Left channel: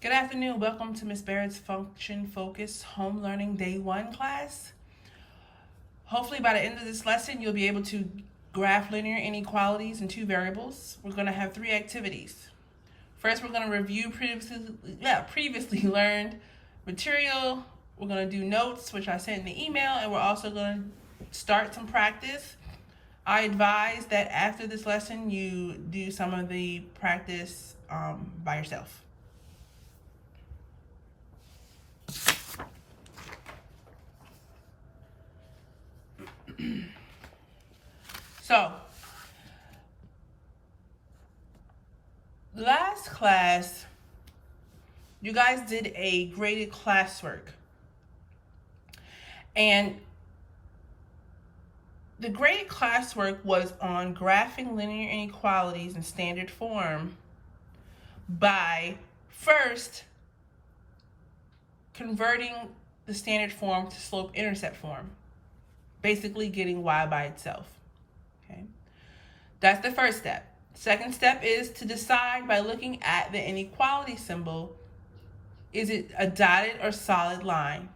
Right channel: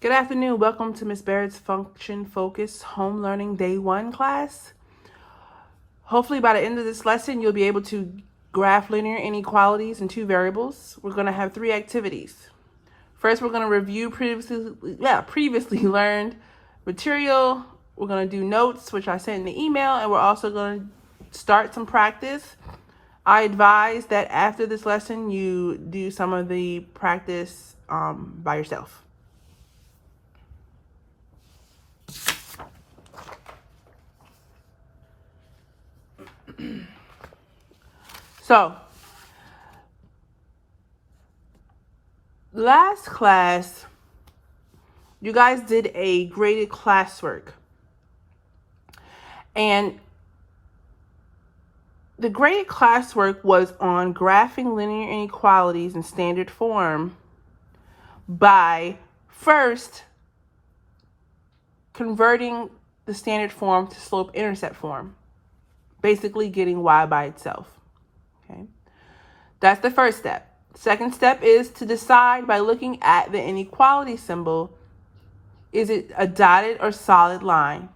Good afternoon. Welcome to Ms. Barrett's Function Focused Home Learning Day 1 class. Hopefully by the end of this lesson, you'll be able to graph linear inequalities in two variables. We're going to have three activities. First, we're going to review previously learned material. We're going to do notes, which I sent in the email, and we're also going to start some practice. I advise that after this lesson, you do some of the practice by yourself. So, last class, you guys did a graded classwork. And the graded classwork was on graphing linear inequalities in standard form by first converting the standard form to slope-intercept form, basically getting y by itself. Okay, that's the first step. Second step is to decide by looking at the inequality symbol, is it a dotted or solid line?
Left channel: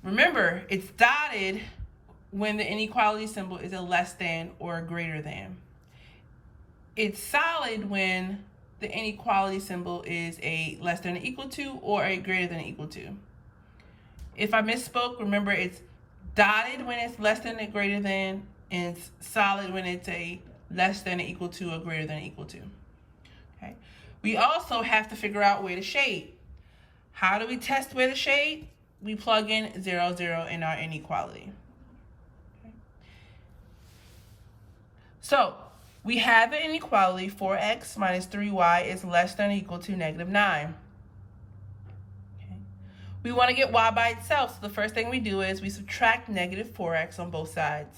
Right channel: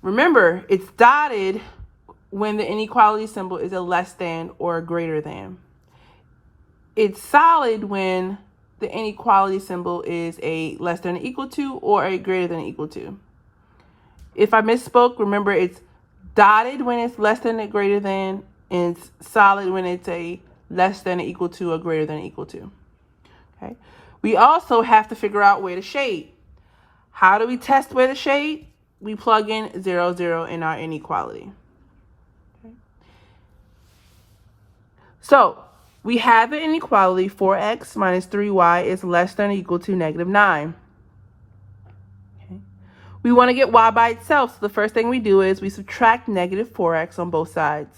Remember, it's dotted when the inequality symbol is a less than or a greater than. It's solid when the inequality symbol is a less than or equal to or a greater than or equal to. If I misspoke, remember it's dotted when it's less than or greater than, and it's solid when it's a less than or equal to or greater than or equal to. Okay. We also have to figure out where to shade. How do we test where to shade? We plug in 0, 0 in our inequality. Okay. So we have the inequality 4x minus 3y is less than or equal to negative 9. Okay. We want to get y by itself, so the first thing we do is we subtract negative 4x on both sides.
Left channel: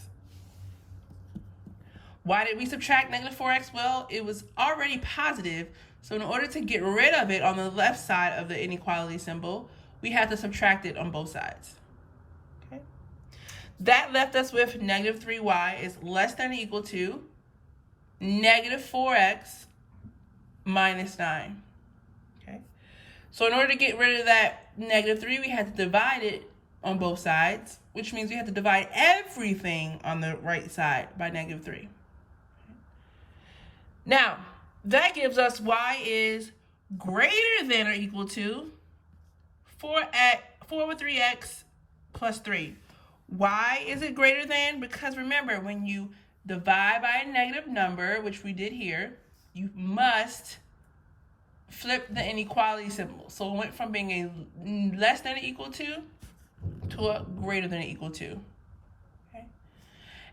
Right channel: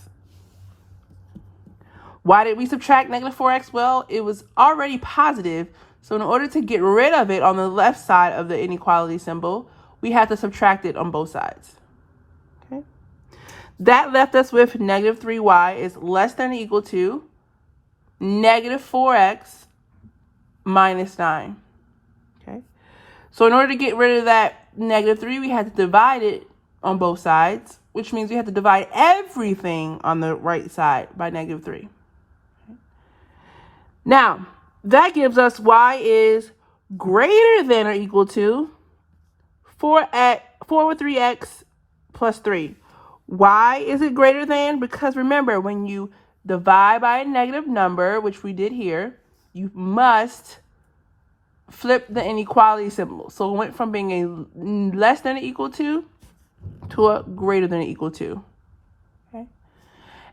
Why did we subtract negative 4x? Well, it was already positive, so in order to get rid of it on the left side of the inequality symbol, we had to subtract it on both sides. Okay. That left us with negative 3y is less than or equal to negative 4x minus 9. Okay. So in order to get rid of that negative 3, we had to divide it on both sides, which means we have to divide everything on the right side by negative 3. Okay. Now, that gives us y is greater than or equal to 4 with 3x plus 3. Why is it greater than? Because remember, when you divide by a negative number, which we did here, you must flip the inequality symbol. So it went from being a less than or equal to a greater than or equal to. Okay.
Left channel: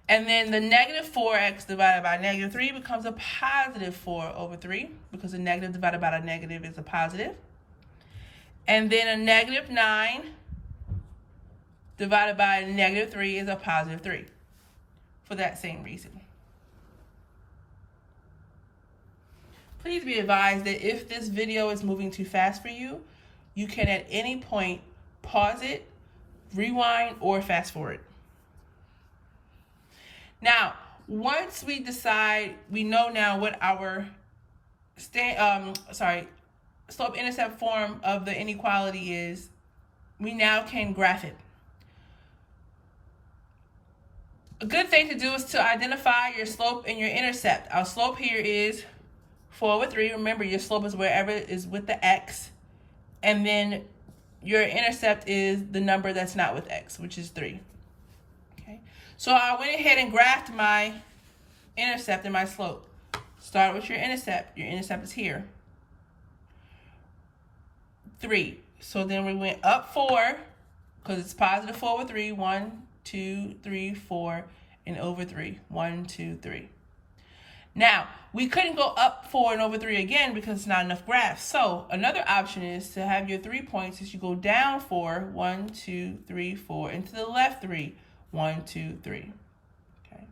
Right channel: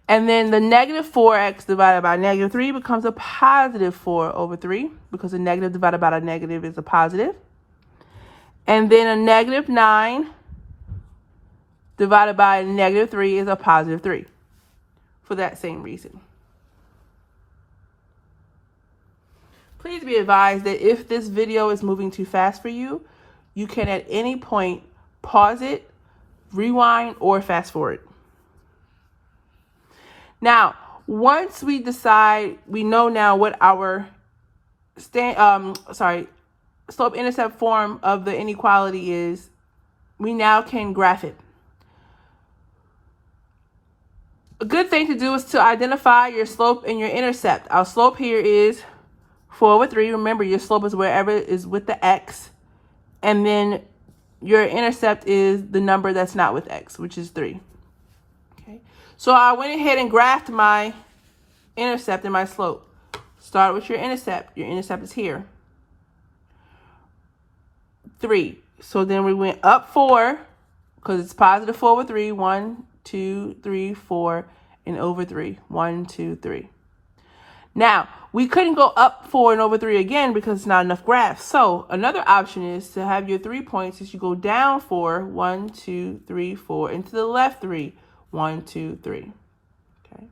And then the negative 4x divided by negative 3 becomes a positive 4 over 3, because a negative divided by a negative is a positive. And then a negative 9 divided by a negative 3 is a positive 3, for that same reason. Please be advised that if this video is moving too fast for you, you can at any point pause it, rewind, or fast forward. Now, once we decide, we know now what our slope-intercept form of the inequality is, we now can graph it. A good thing to do is to identify your slope and your intercept. Our slope here is 4 over 3. Remember, your slope is wherever is with the x. And then your intercept is the number that's not with x, which is 3. Okay. So I went ahead and graphed my intercept and my slope. Start with your intercept. Your intercept is here. 3. So then we went up 4, because it's positive 4 over 3. 1, 2, 3, 4, and over 3. 1, 2, 3. Now, we couldn't go up 4 and over 3 again because it's not enough graphs. So another option is to have your 3 points is you go down 4, 1, 2, 3, 4, and to the left 3, 1, 2, 3. Okay.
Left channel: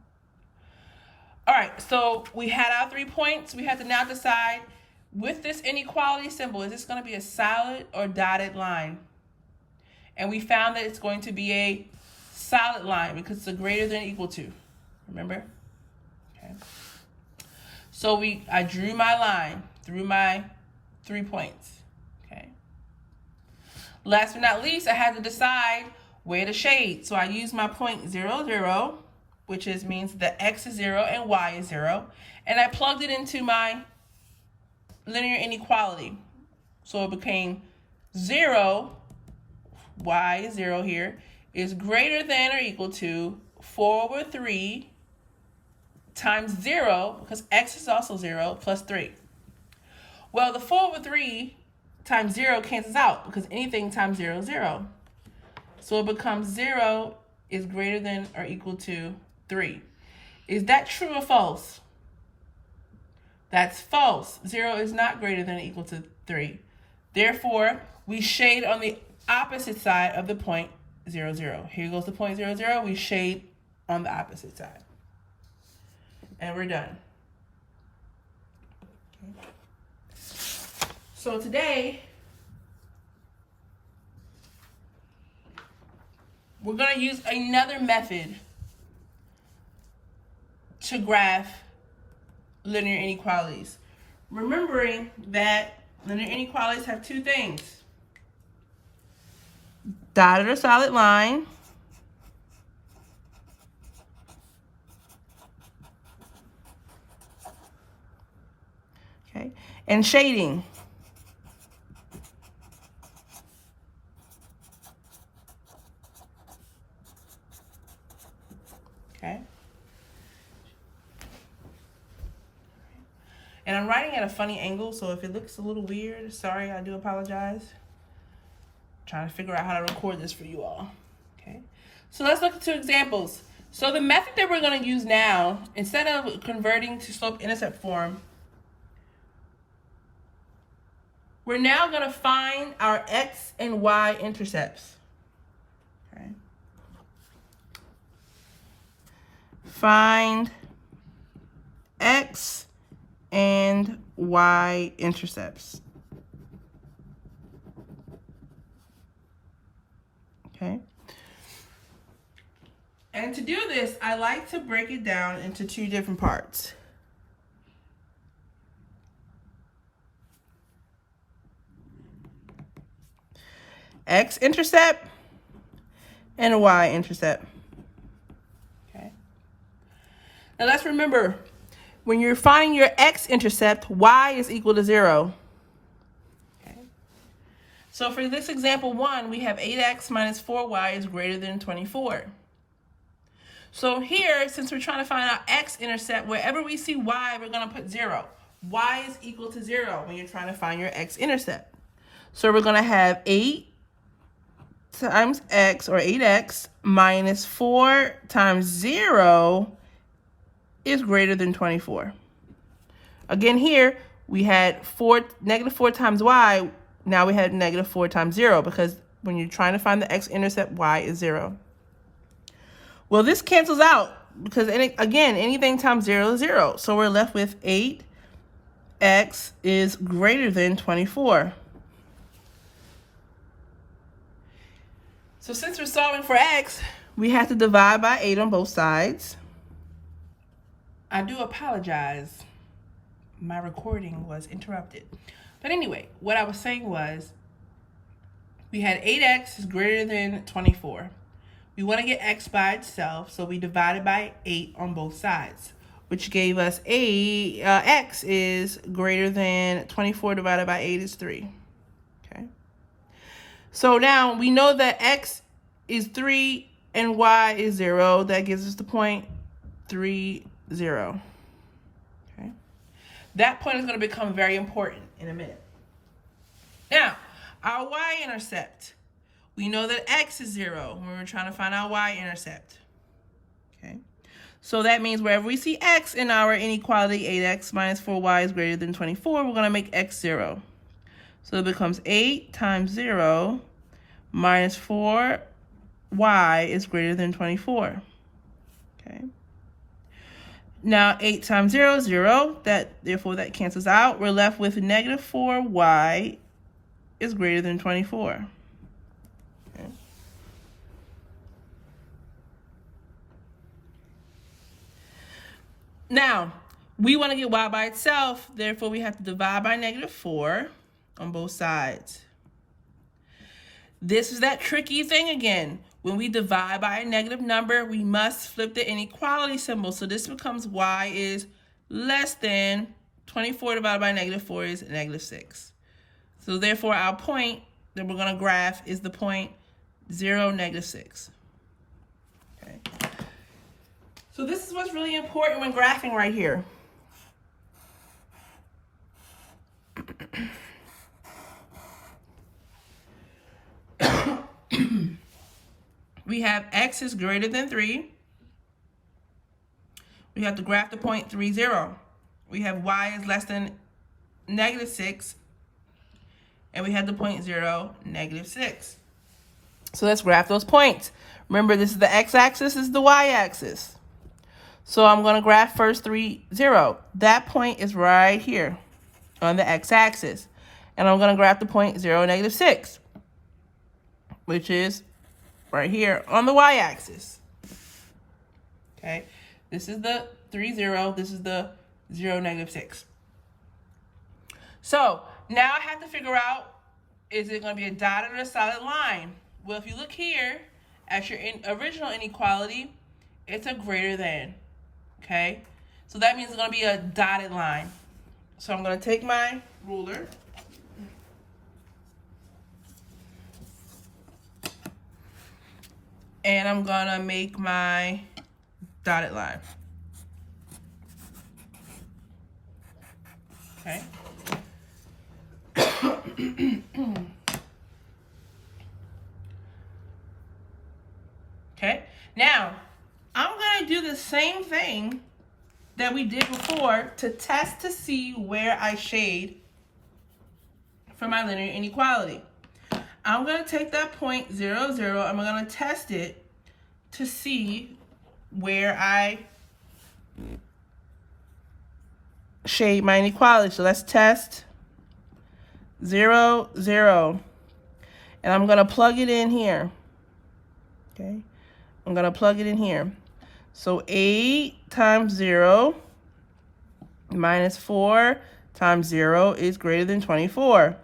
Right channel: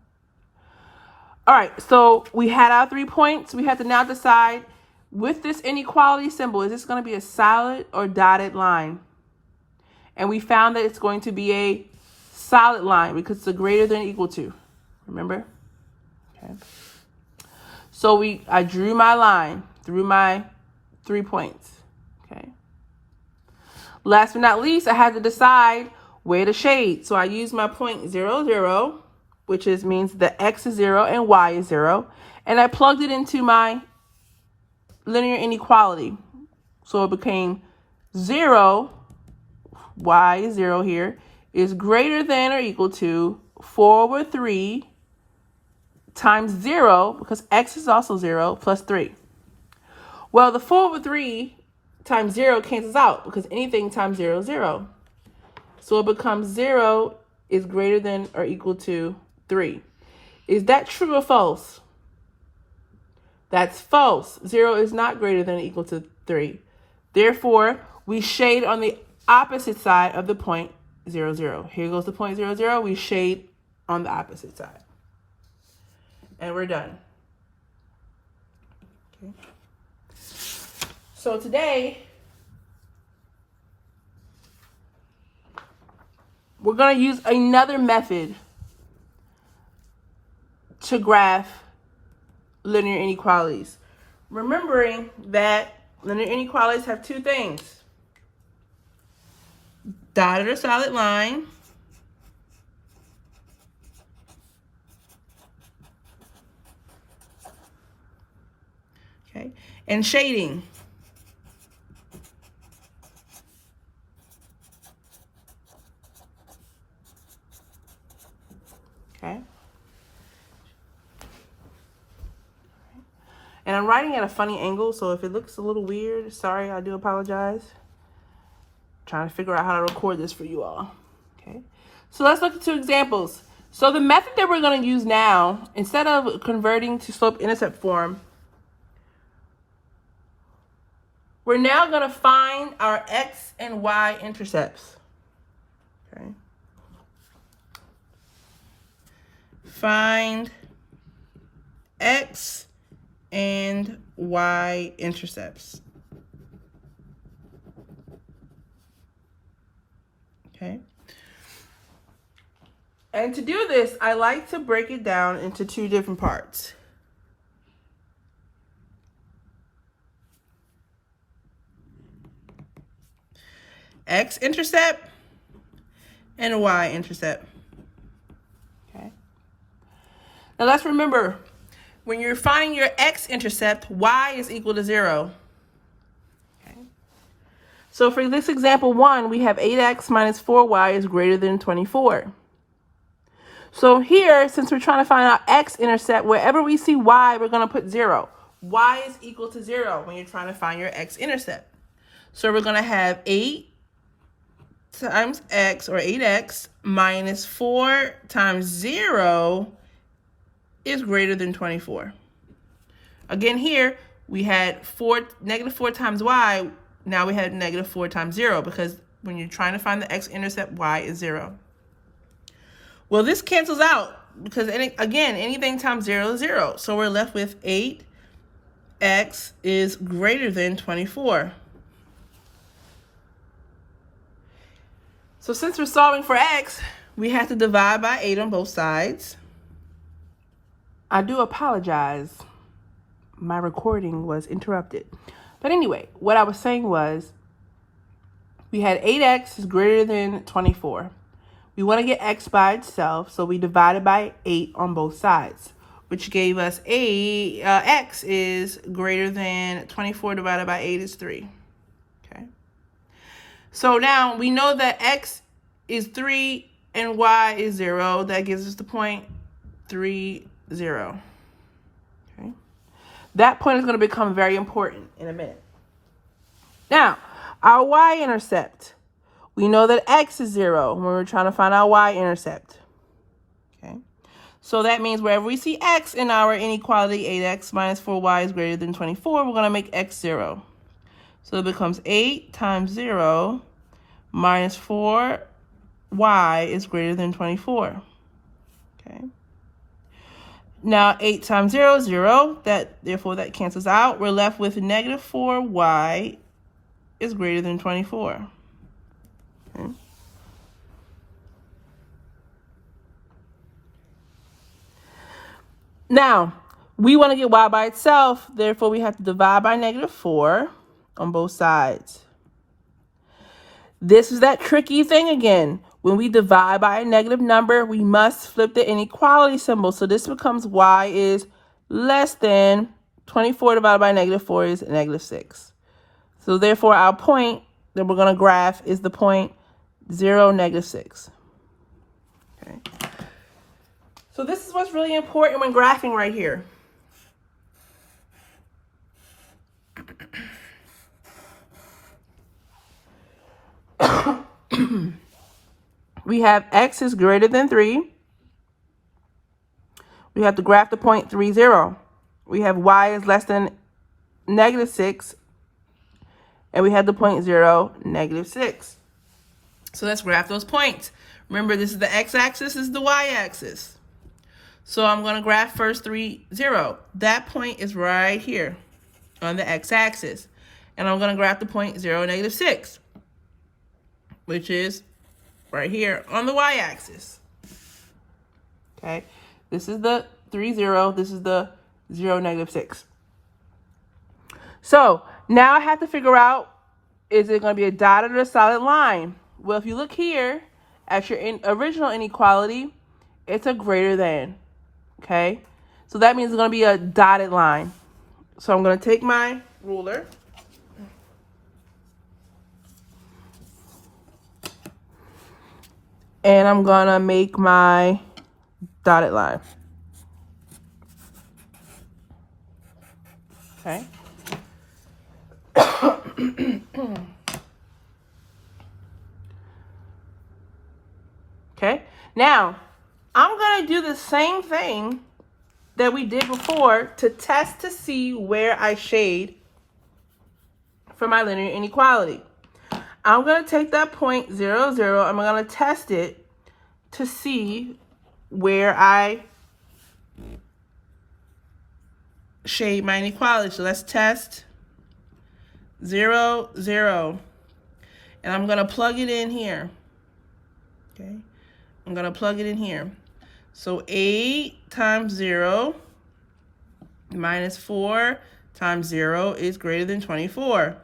All right, so we had our 3 points. We have to now decide, with this inequality symbol, is this going to be a solid or dotted line? And we found that it's going to be a solid line because it's a greater than or equal to. Remember? Okay. So I drew my line through my 3 points. Okay. Last but not least, I had to decide where to shade. So I used my point 0, 0, which means that x is 0 and y is 0. And I plugged it into my linear inequality. So it became 0, y is 0 here, is greater than or equal to 4 over 3 times 0, because x is also 0, plus 3. Well, the 4 over 3 times 0 cancels out, because anything times 0 is 0. So it becomes 0 is greater than or equal to 3. Is that true or false? That's false. 0 is not greater than or equal to 3. Therefore, we shade on the opposite side of the point 0, 0. Here goes the point 0, 0. We shade on the opposite side. And we're done. Okay. So today, we're going to use another method to graph linear inequalities. Remembering that linear inequalities have two things: dotted or solid line, okay, and shading. Okay. And I'm writing at a funny angle, so if it looks a little weird, sorry, I do apologize. Trying to figure out how to record this for you all. Okay. So let's look at two examples. So the method that we're going to use now, instead of converting to slope-intercept form, we're now going to find our x and y intercepts. Okay. Find x and y intercepts. Okay. And to do this, I like to break it down into two different parts. X-intercept and y-intercept. Okay. Now let's remember, when you're finding your x-intercept, y is equal to 0. Okay. So for this example 1, we have 8x minus 4y is greater than 24. So here, since we're trying to find our x-intercept, wherever we see y, we're going to put 0. Y is equal to 0 when you're trying to find your x-intercept. So we're going to have 8 times x, or 8x, minus 4 times 0 is greater than 24. Again, here, we had negative 4 times y. Now we had negative 4 times 0, because when you're trying to find the x-intercept, y is 0. Well, this cancels out, because, again, anything times 0 is 0. So we're left with 8x is greater than 24. So since we're solving for x, we have to divide by 8 on both sides. I do apologize. My recording was interrupted. But anyway, what I was saying was, we had 8x is greater than 24. We want to get x by itself, so we divided by 8 on both sides, which gave us x is greater than 24 divided by 8 is 3. Okay. So now we know that x is 3 and y is 0. That gives us the point 3, 0. Okay. That point is going to become very important in a minute. Now, our y-intercept. We know that x is 0 when we're trying to find our y-intercept. Okay. So that means wherever we see x in our inequality, 8x minus 4y is greater than 24, we're going to make x 0. So it becomes 8 times 0 minus 4y is greater than 24. Okay. Now 8 times 0 is 0. Therefore that cancels out. We're left with negative 4y is greater than 24. Okay. Now, we want to get y by itself. Therefore, we have to divide by negative 4 on both sides. This is that tricky thing again. When we divide by a negative number, we must flip the inequality symbol. So this becomes y is less than 24 divided by negative 4 is negative 6. So therefore, our point that we're going to graph is the point 0, negative 6. Okay. So this is what's really important when graphing right here. We have x is greater than 3. We have to graph the point 3, 0. We have y is less than negative 6. And we have the point 0, negative 6. So let's graph those points. Remember, this is the x-axis, this is the y-axis. So I'm going to graph first 3, 0. That point is right here on the x-axis. And I'm going to graph the point 0, negative 6, which is right here on the y-axis. Okay, this is the 3, 0. This is the 0, negative 6. So now I have to figure out, is it going to be a dotted or a solid line? Well, if you look here at your original inequality, it's a greater than. Okay, so that means it's going to be a dotted line. So I'm going to take my ruler. And I'm going to make my dotted line. Okay. Okay. Now, I'm going to do the same thing that we did before to test to see where I shade for my linear inequality. I'm going to take that point 0, 0, and I'm going to test it to see where I shade my inequality. So let's test 0, 0. And I'm going to plug it in here. Okay. I'm going to plug it in here. So 8 times 0 minus 4 times 0 is greater than 24.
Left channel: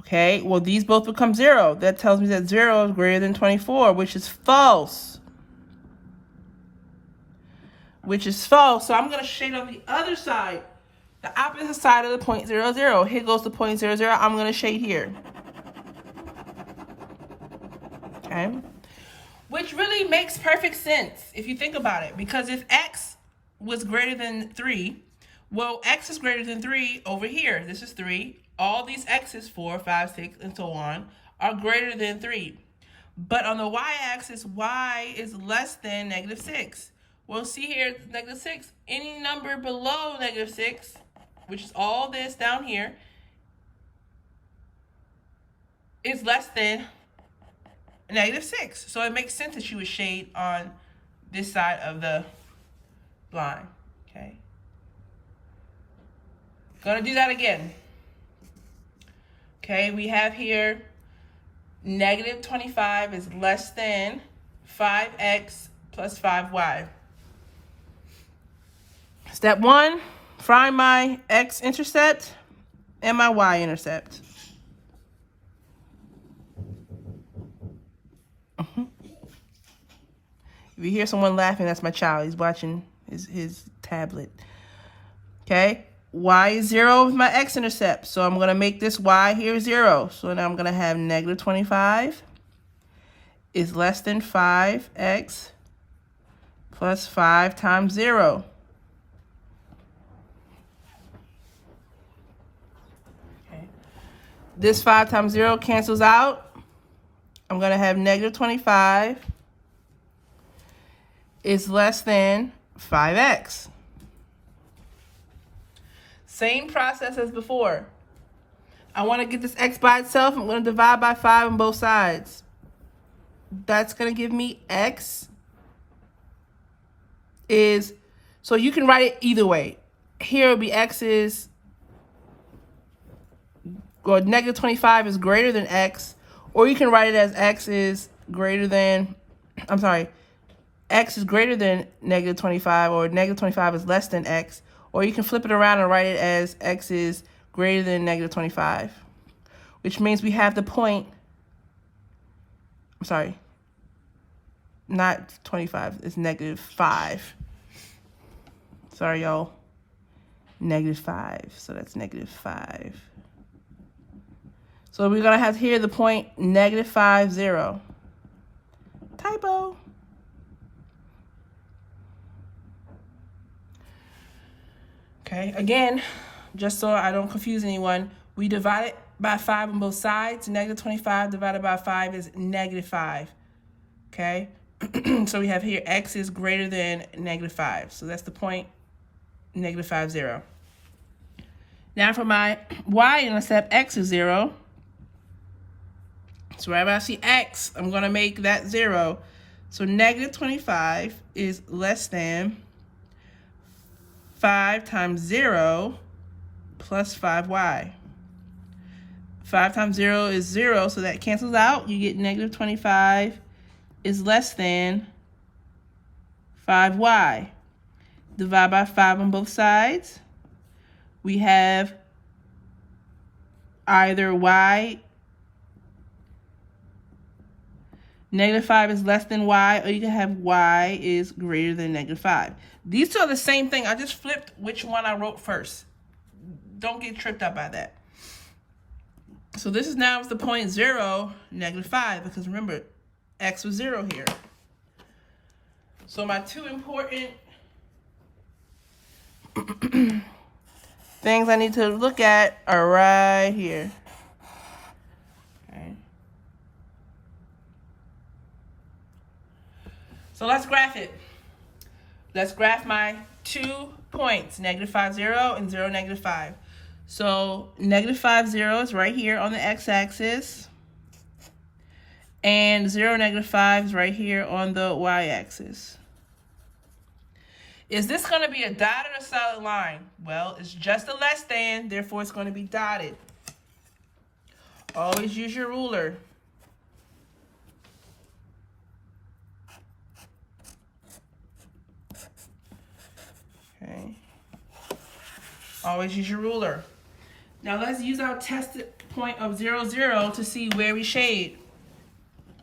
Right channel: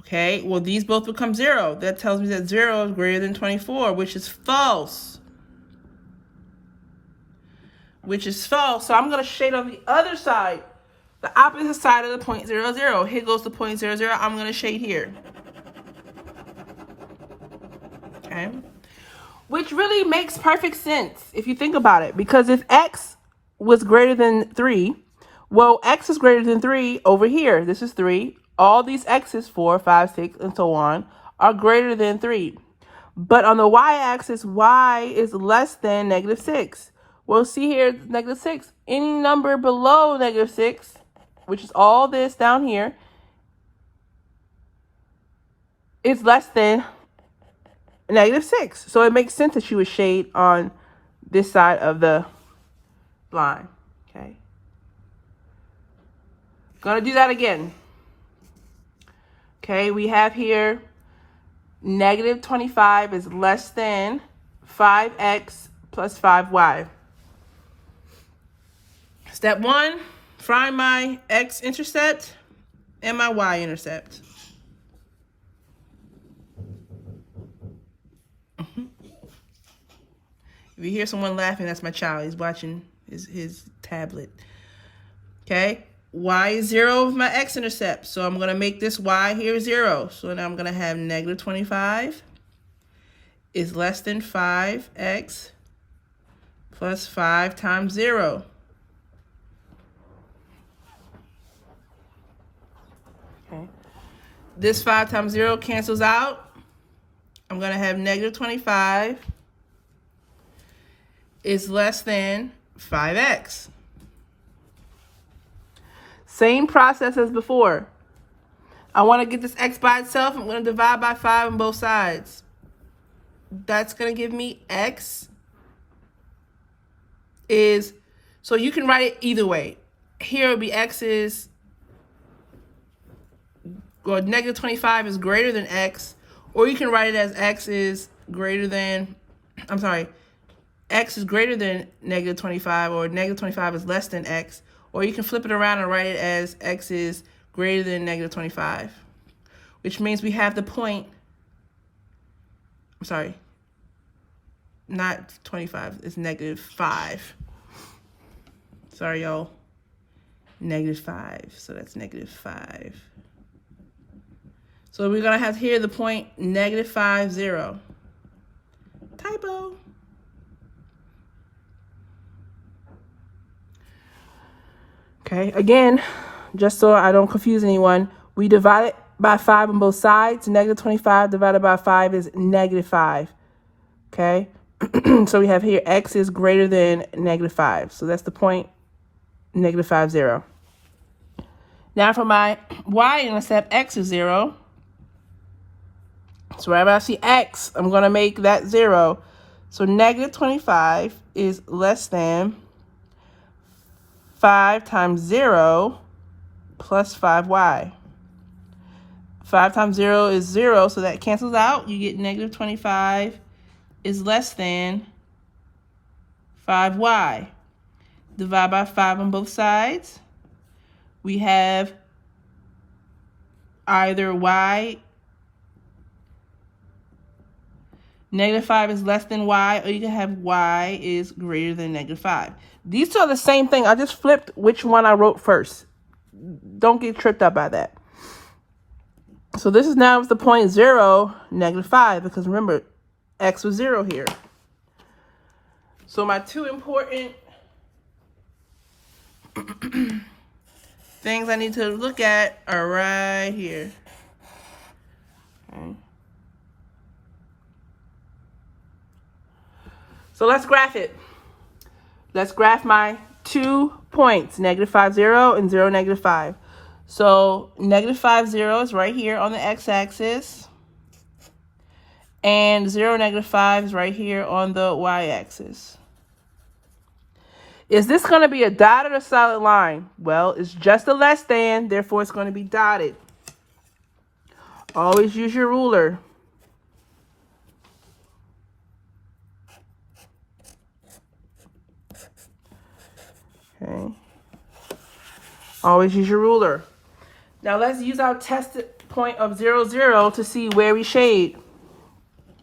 Okay, well, these both become 0. That tells me that 0 is greater than 24, which is false. Which is false. So I'm going to shade on the other side, the opposite side of the point 0, 0. Here goes the point 0, 0. I'm going to shade here. Okay. Which really makes perfect sense if you think about it. Because if x was greater than 3, well, x is greater than 3 over here. This is 3. All these x's, 4, 5, 6, and so on, are greater than 3. But on the y-axis, y is less than negative 6. Well, see here, negative 6. Any number below negative 6, which is all this down here, is less than negative 6. So it makes sense that you would shade on this side of the line. Okay. Gonna do that again. Okay, we have here negative 25 is less than 5x plus 5y. Step 1, find my x-intercept and my y-intercept. If you hear someone laughing, that's my child. He's watching his tablet. Okay. Y is 0 with my x-intercept. So I'm going to make this y here 0. So now I'm going to have negative 25 is less than 5x plus 5 times 0. Okay. This 5 times 0 cancels out. I'm going to have negative 25 is less than 5x. Same process as before. I want to get this x by itself. I'm going to divide by 5 on both sides. That's going to give me x is, so you can write it either way. Here would be x is, or negative 25 is greater than x, or you can write it as x is greater than, I'm sorry, x is greater than negative 25, or negative 25 is less than x. Or you can flip it around and write it as x is greater than negative 25, which means we have the point, I'm sorry, not 25, it's negative 5. Sorry, y'all. Negative 5, so that's negative 5. So we're going to have here the point negative 5, 0. Typo. Okay, again, just so I don't confuse anyone, we divide it by 5 on both sides. Negative 25 divided by 5 is negative 5. Okay, so we have here x is greater than negative 5. So that's the point negative 5, 0. Now for my y-intercept, x is 0. So wherever I see x, I'm going to make that 0. So negative 25 is less than 5 times 0 plus 5y. 5 times 0 is 0, so that cancels out. You get negative 25 is less than 5y. Divide by 5 on both sides. We have either y, negative 5 is less than y, or you can have y is greater than negative 5. These two are the same thing. I just flipped which one I wrote first. Don't get tripped up by that. So this is now the point 0, negative 5, because remember, x was 0 here. So my two important things I need to look at are right here. Okay. So let's graph it. Let's graph my 2 points, negative 5, 0 and 0, negative 5. So negative 5, 0 is right here on the x-axis. And 0, negative 5 is right here on the y-axis. Is this going to be a dotted or solid line? Well, it's just a less than, therefore it's going to be dotted. Always use your ruler. Okay. Always use your ruler. Now let's use our test point of 0, 0 to see where we shade.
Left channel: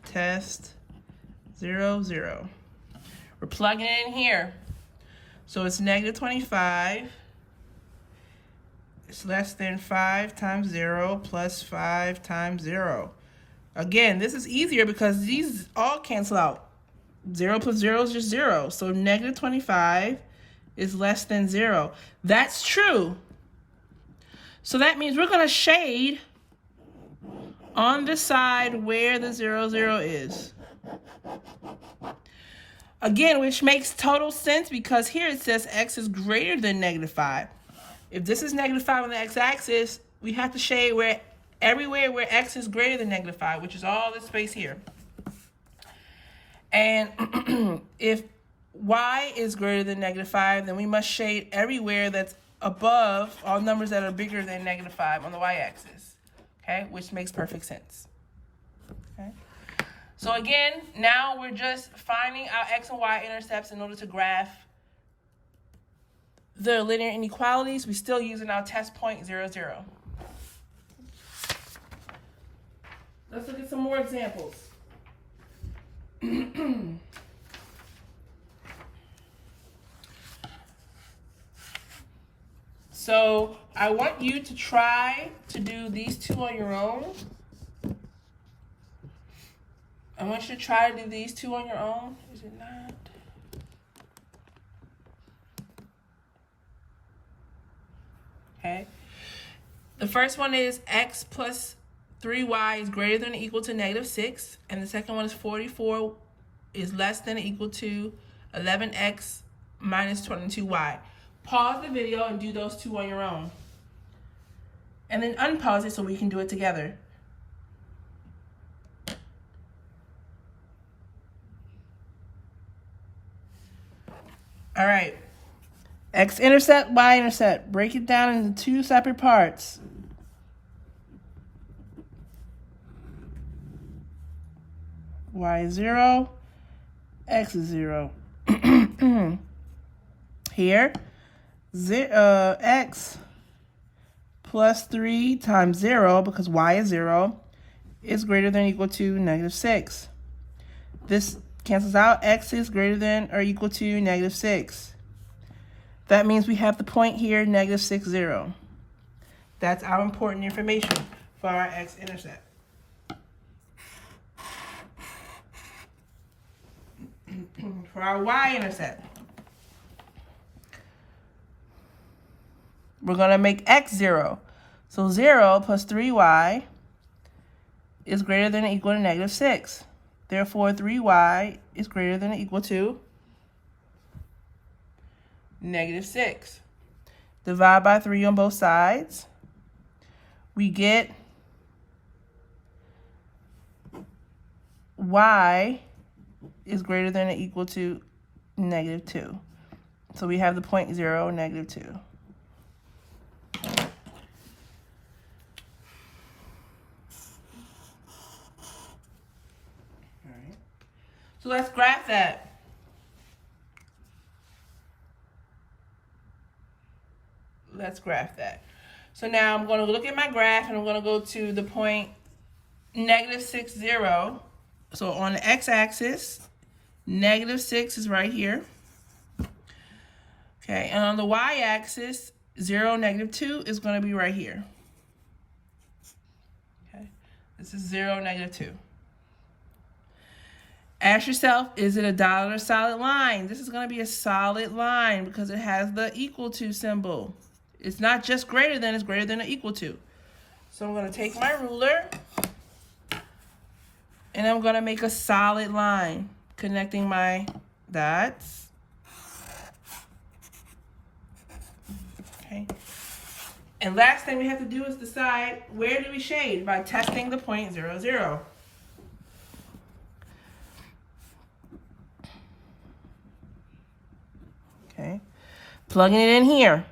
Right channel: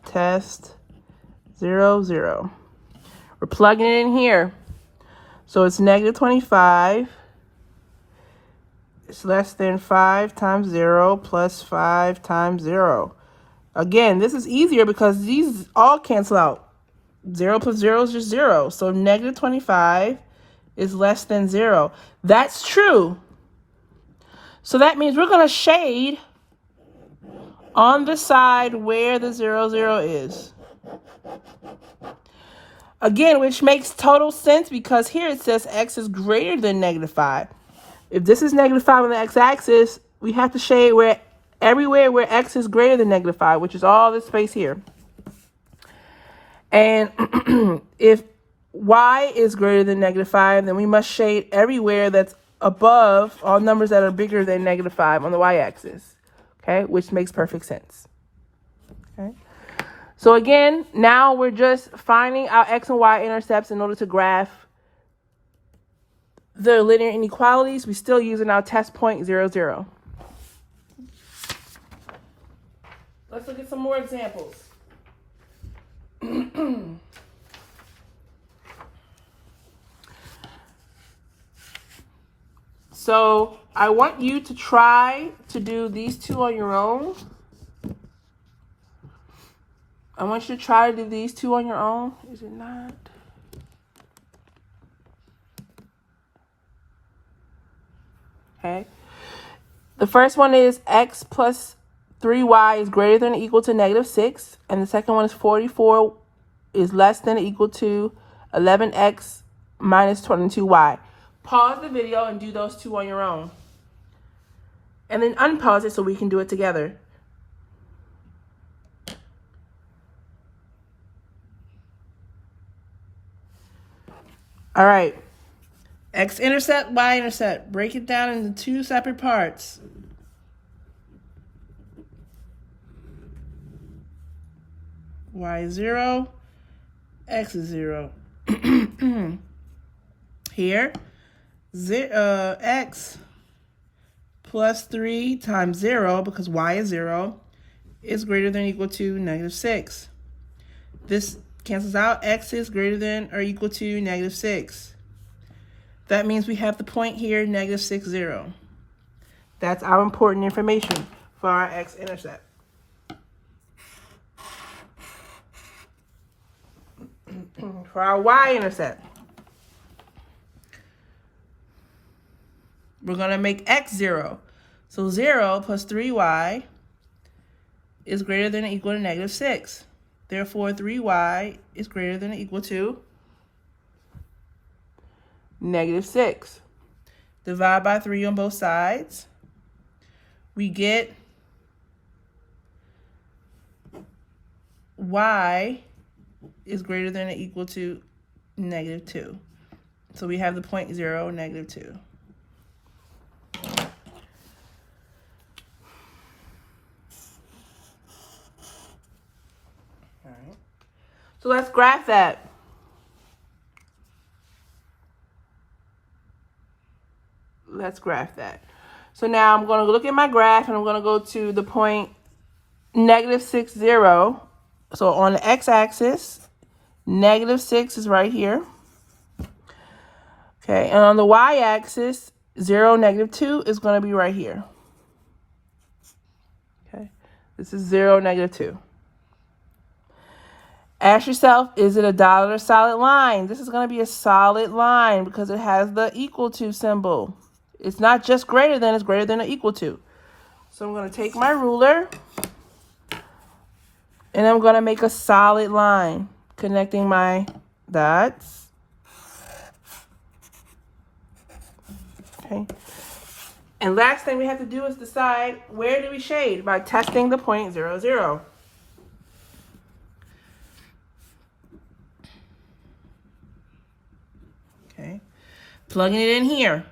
Test 0, 0. We're plugging it in here. So it's negative 25. It's less than 5 times 0 plus 5 times 0. Again, this is easier because these all cancel out. 0 plus 0 is just 0. So negative 25 is less than 0. That's true. So that means we're going to shade on the side where the 0, 0 is. Again, which makes total sense because here it says x is greater than negative 5. If this is negative 5 on the x-axis, we have to shade everywhere where x is greater than negative 5, which is all this space here. And if y is greater than negative 5, then we must shade everywhere that's above all numbers that are bigger than negative 5 on the y-axis. Okay, which makes perfect sense. Okay. So again, now we're just finding our x and y intercepts in order to graph the linear inequalities. We're still using our test point 0, 0. Let's look at some more examples. So I want you to try to do these two on your own. I want you to try to do these two on your own. Is it not? Okay. The first one is x plus 3y is greater than or equal to negative 6. And the second one is 44 is less than or equal to 11x minus 22y. Pause the video and do those two on your own. And then unpause it so we can do it together. All right. X-intercept, y-intercept. Break it down into two separate parts. Y is 0, x is 0. Here, x plus 3 times 0, because y is 0, is greater than or equal to negative 6. This cancels out. X is greater than or equal to negative 6. That means we have the point here, negative 6, 0. That's our important information for our x-intercept. For our y-intercept, we're going to make x 0. So 0 plus 3y is greater than or equal to negative 6. Therefore, 3y is greater than or equal to negative 6. Divide by 3 on both sides. We get y is greater than or equal to negative 2. So we have the point 0, negative 2. All right. So let's graph that. Let's graph that. So now I'm going to look at my graph, and I'm going to go to the point negative 6, 0. So on the x-axis, negative 6 is right here. Okay, and on the y-axis, 0, negative 2 is going to be right here. Okay, this is 0, negative 2. Ask yourself, is it a dotted or solid line? This is going to be a solid line because it has the equal to symbol. It's not just greater than, it's greater than or equal to. So I'm going to take my ruler, and I'm going to make a solid line connecting my dots. Okay. And last thing we have to do is decide where do we shade by testing the point 0, 0. Okay. Plugging it in here.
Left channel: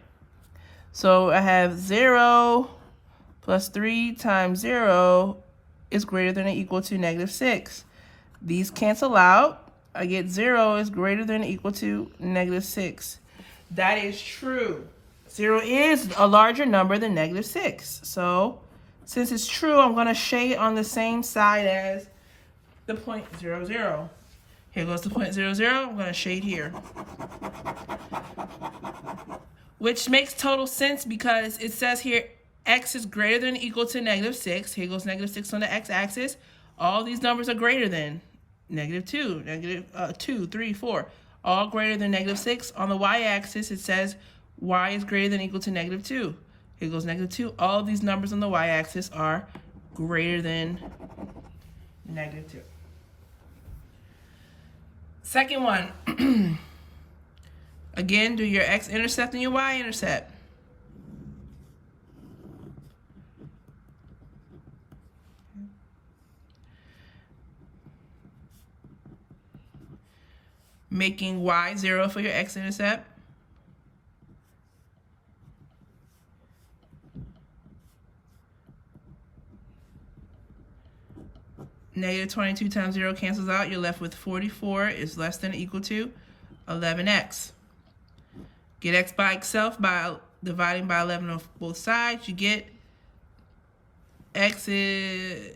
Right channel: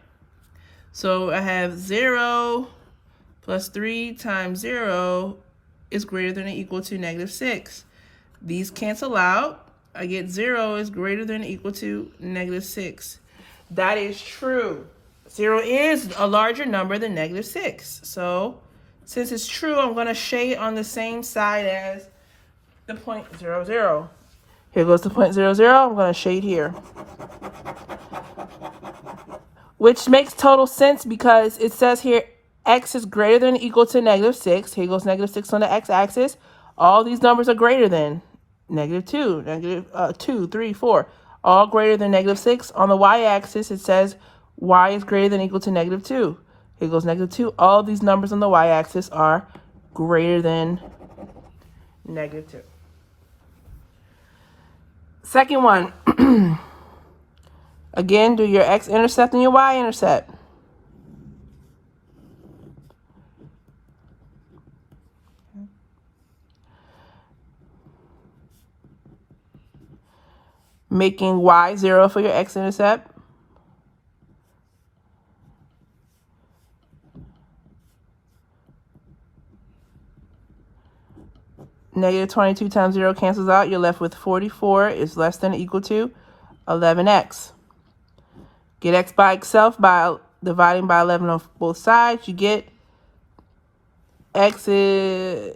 So I have 0 plus 3 times 0 is greater than or equal to negative 6. These cancel out. I get 0 is greater than or equal to negative 6. That is true. 0 is a larger number than negative 6. So since it's true, I'm going to shade on the same side as the point 0, 0. Here goes the point 0, 0. I'm going to shade here. Which makes total sense because it says here x is greater than or equal to negative 6. Here goes negative 6 on the x-axis. All these numbers are greater than negative 2, negative 2, 3, 4. All greater than negative 6. On the y-axis, it says y is greater than or equal to negative 2. Here goes negative 2. All of these numbers on the y-axis are greater than negative 2. Second one. Again, do your x-intercept and your y-intercept. Making y 0 for your x-intercept. Negative 22 times 0 cancels out. You're left with 44 is less than or equal to 11x. Get x by itself by dividing by 11 on both sides. You get x is,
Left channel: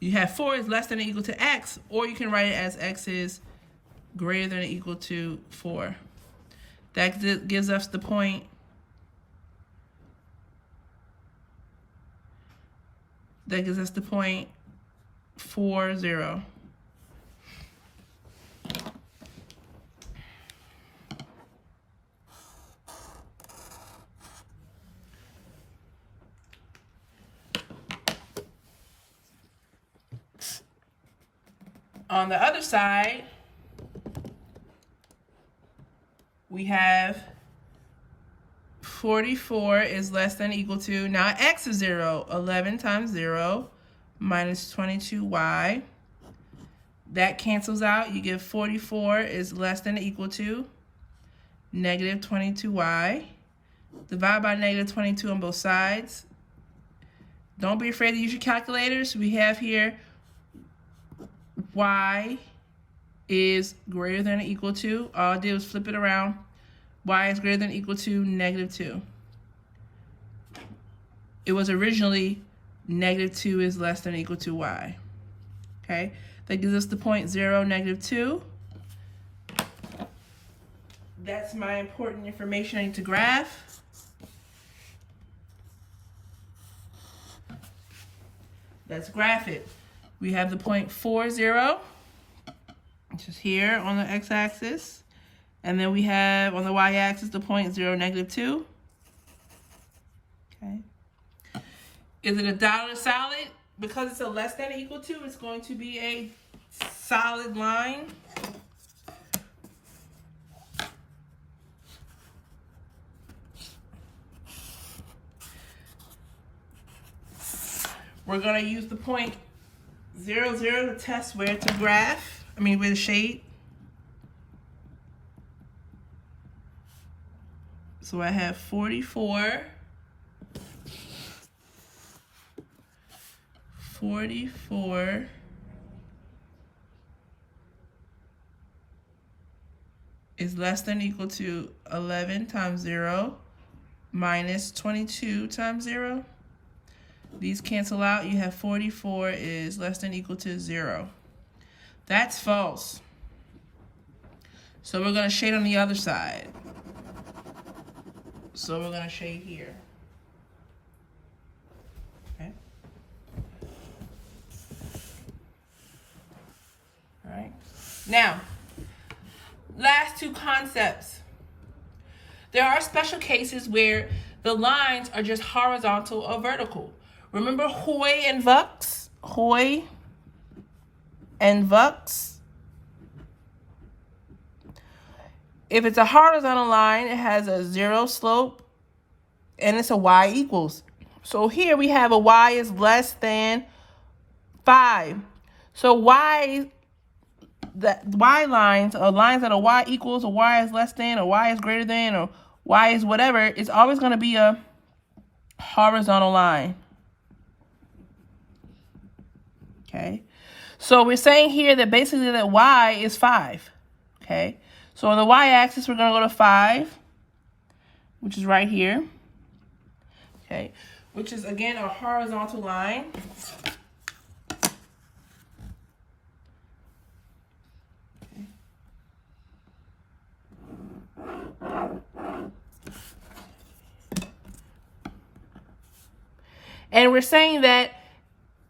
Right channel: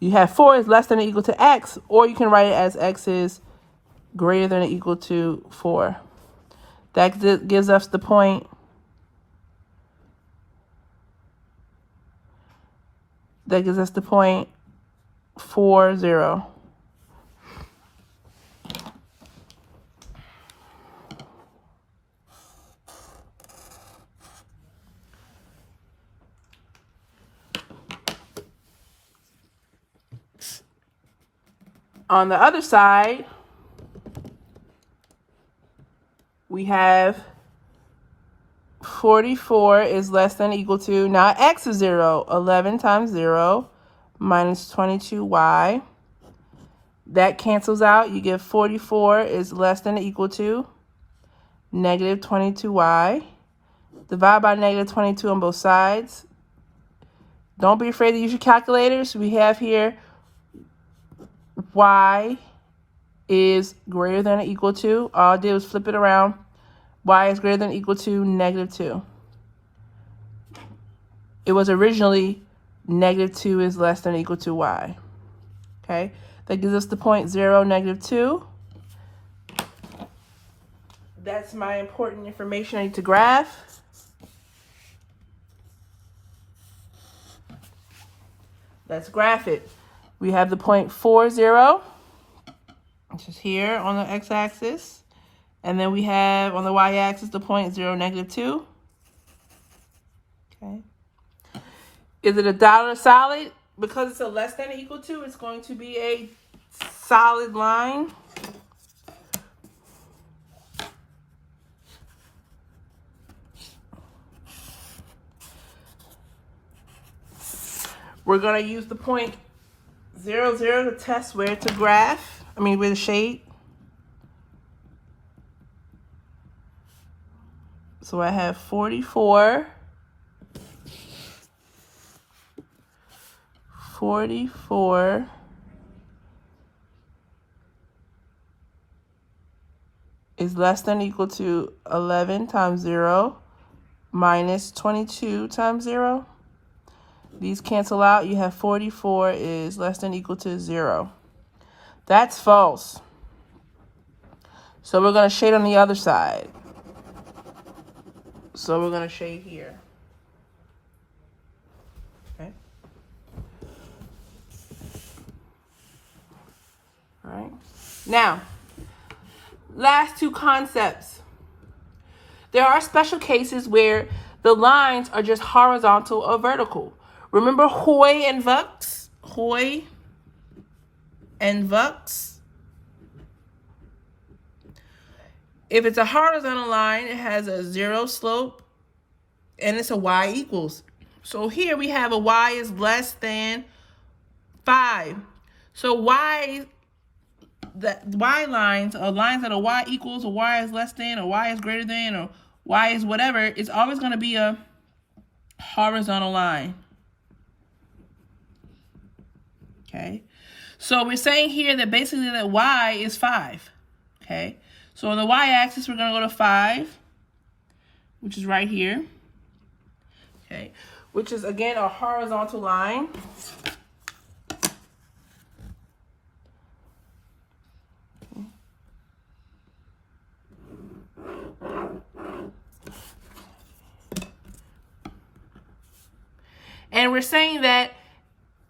you have 4 is less than or equal to x, or you can write it as x is greater than or equal to 4. That gives us the point that gives us the point 4, 0. On the other side, we have 44 is less than or equal to, now x is 0. 11 times 0 minus 22y. That cancels out. You get 44 is less than or equal to negative 22y. Divide by negative 22 on both sides. Don't be afraid to use your calculators. We have here y is greater than or equal to, all I did was flip it around, y is greater than or equal to negative 2. it was originally -2 is less than or equal to y. Okay, that gives us the point 0, -2. That's my important information I need to graph. Let's graph it. We have the point 4, 0, which is here on the x-axis. And then we have on the y-axis the point 0, -2. Okay. Is it a dot or a solid? Because it's a less than or equal to, it's going to be a solid line. We're going to use the point 0, 0 to test where to graph. Where to shade. So I have 44. 44 is less than or equal to 11 times 0 minus 22 times 0. These cancel out. You have 44 is less than or equal to 0. That's false. So we're going to shade on the other side. So we're going to shade here. Okay. All right. Now, last two concepts. There are special cases where the lines are just horizontal or vertical. Remember Hoy and Vux? Hoy and Vux. If it's a horizontal line, it has a 0 slope and it's a y equals. So here we have a y is less than 5. So the y lines, or lines that are y equals, or y is less than, or y is greater than, or y is whatever, it's always going to be a horizontal line. Okay, so we're saying here that basically that y is 5. Okay, so on the y-axis we're going to go to 5, which is right here. Okay, which is again a horizontal line. And we're saying that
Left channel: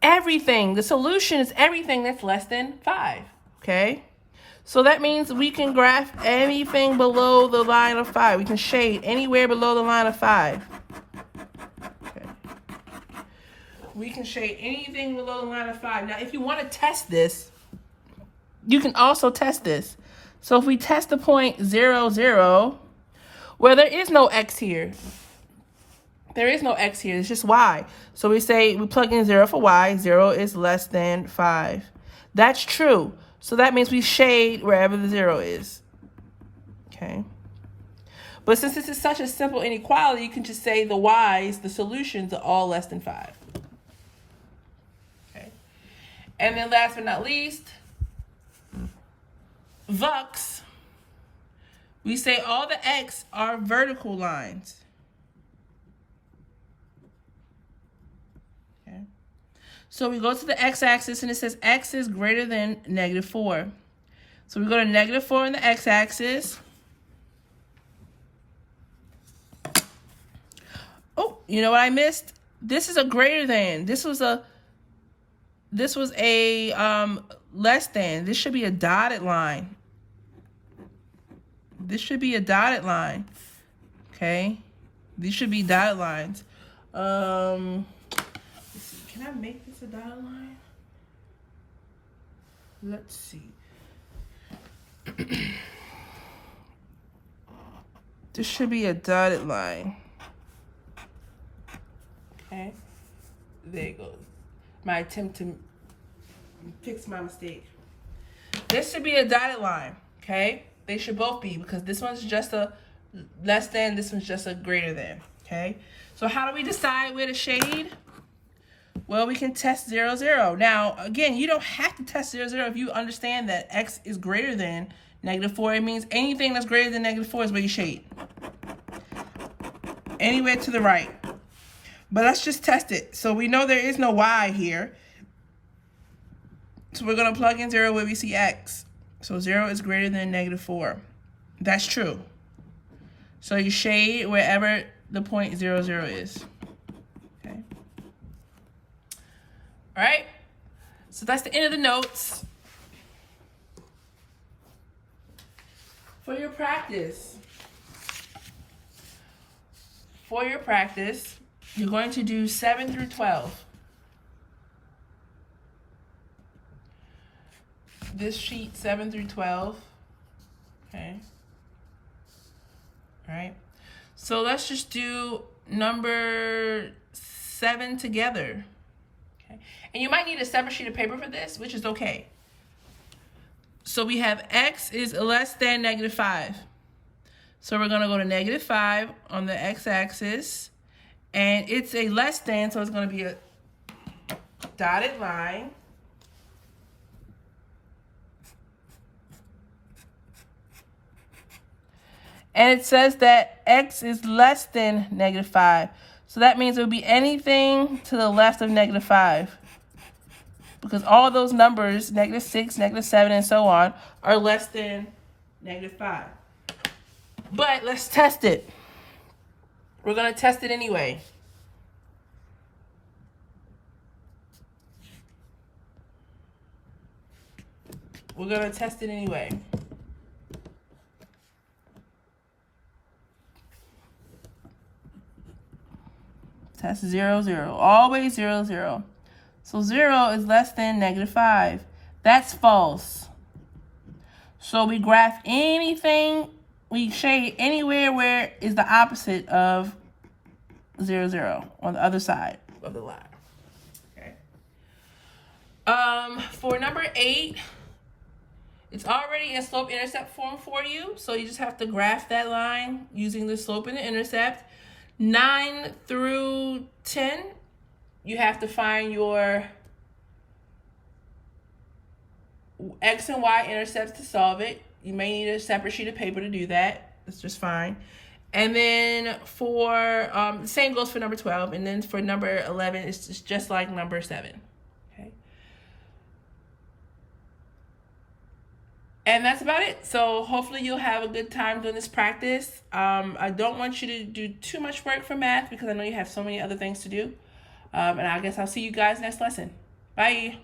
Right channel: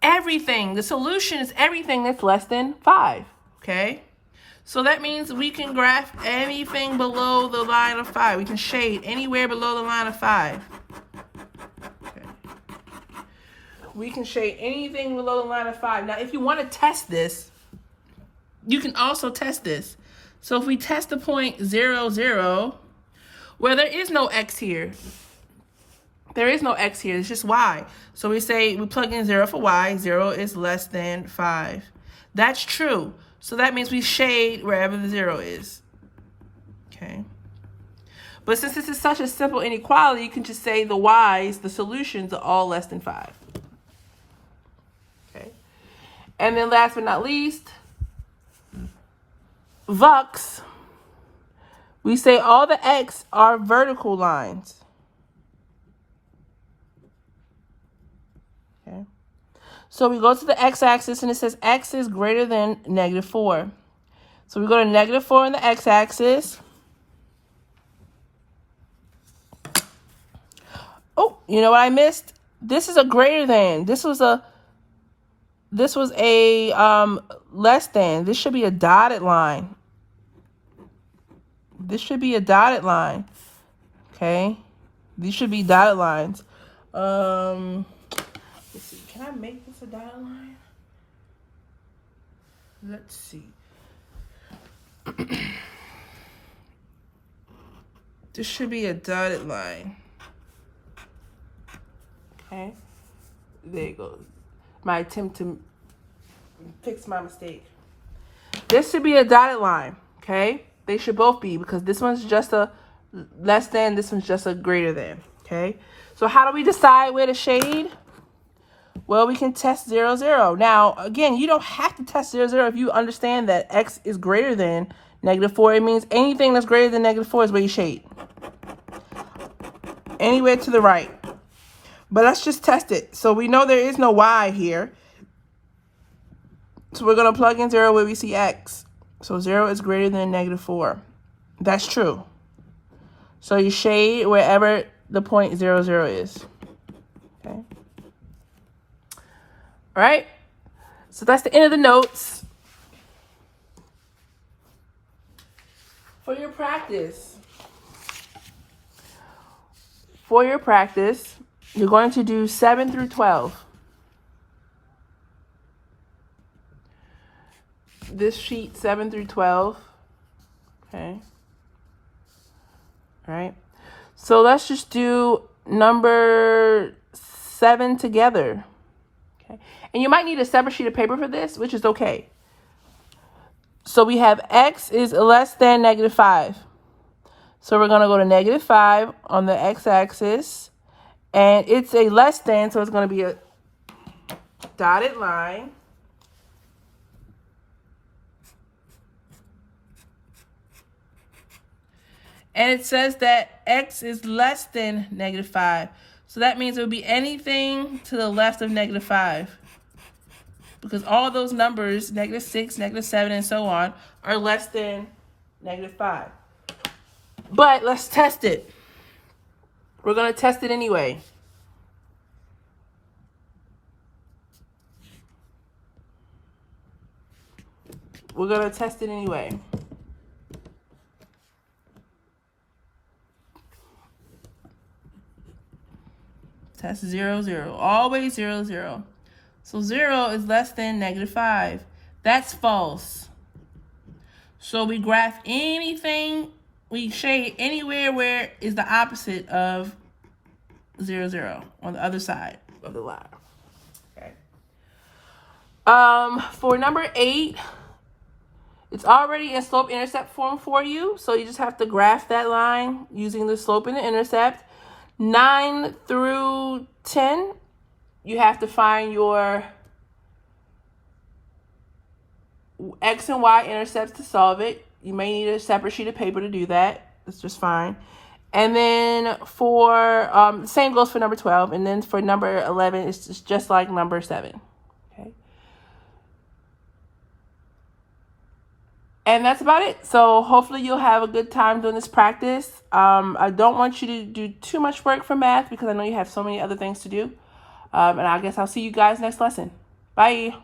everything, the solution is everything that's less than 5, okay? So that means we can graph anything below the line of 5. We can shade anywhere below the line of 5. Okay. We can shade anything below the line of 5. Now, if you want to test this, you can also test this. So if we test the point 0, 0, well, there is no x here. There is no x here. It's just y. So we say we plug in 0 for y. 0 is less than 5. That's true. So that means we shade wherever the 0 is. Okay. But since this is such a simple inequality, you can just say the y's, the solutions, are all less than 5. Okay. And then last but not least, Vux. We say all the x are vertical lines. So we go to the x-axis and it says x is greater than -4. So we go to -4 on the x-axis. Oh, you know what I missed? This is a greater than. This was a less than. This should be a dotted line. This should be a dotted line. Okay? These should be dotted lines. Let's see. Can I make this a dotted line? Let's see. This should be a dotted line. Okay. There it goes. My attempt to fix my mistake. This should be a dotted line. Okay. They should both be, because this one's just a less than, this one's just a greater than. Okay. So how do we decide where to shade? Well, we can test 0, 0. Now, again, you don't have to test 0, 0 if you understand that x is greater than -4. It means anything that's greater than -4 is where you shade. Anywhere to the right. But let's just test it. So we know there is no y here. So we're going to plug in 0 where we see x. So 0 is greater than -4. That's true. So you shade wherever the point 0, 0 is. Okay. All right. So that's the end of the notes. For your practice, you're going to do 7 through 12. This sheet 7 through 12. Okay. All right. So let's just do number 7 together. Okay. And you might need a separate sheet of paper for this, which is okay. So we have x is less than -5. So we're going to go to -5 on the x-axis. And it's a less than, so it's going to be a dotted line. And it says that x is less than -5. So that means it would be anything to the left of -5. Because all those numbers, -6, -7, and so on, are less than -5. But let's test it. We're going to test it anyway. We're going to test it anyway. Test 0, 0. Always 0, 0. So 0 is less than -5. That's false. So we graph anything, we shade anywhere where is the opposite of 0, 0 on the other side of the line. Okay. For number 8, it's already in slope-intercept form for you. So you just have to graph that line using the slope and the intercept. 9 through 10, you have to find your x and y intercepts to solve it. You may need a separate sheet of paper to do that. That's just fine. And then for, the same goes for number 12. And then for number 11, it's just like number 7. Okay. And that's about it. So hopefully you'll have a good time doing this practice. I don't want you to do too much work for math because I know you have so many other things to do. And I guess I'll see you guys next lesson. Bye.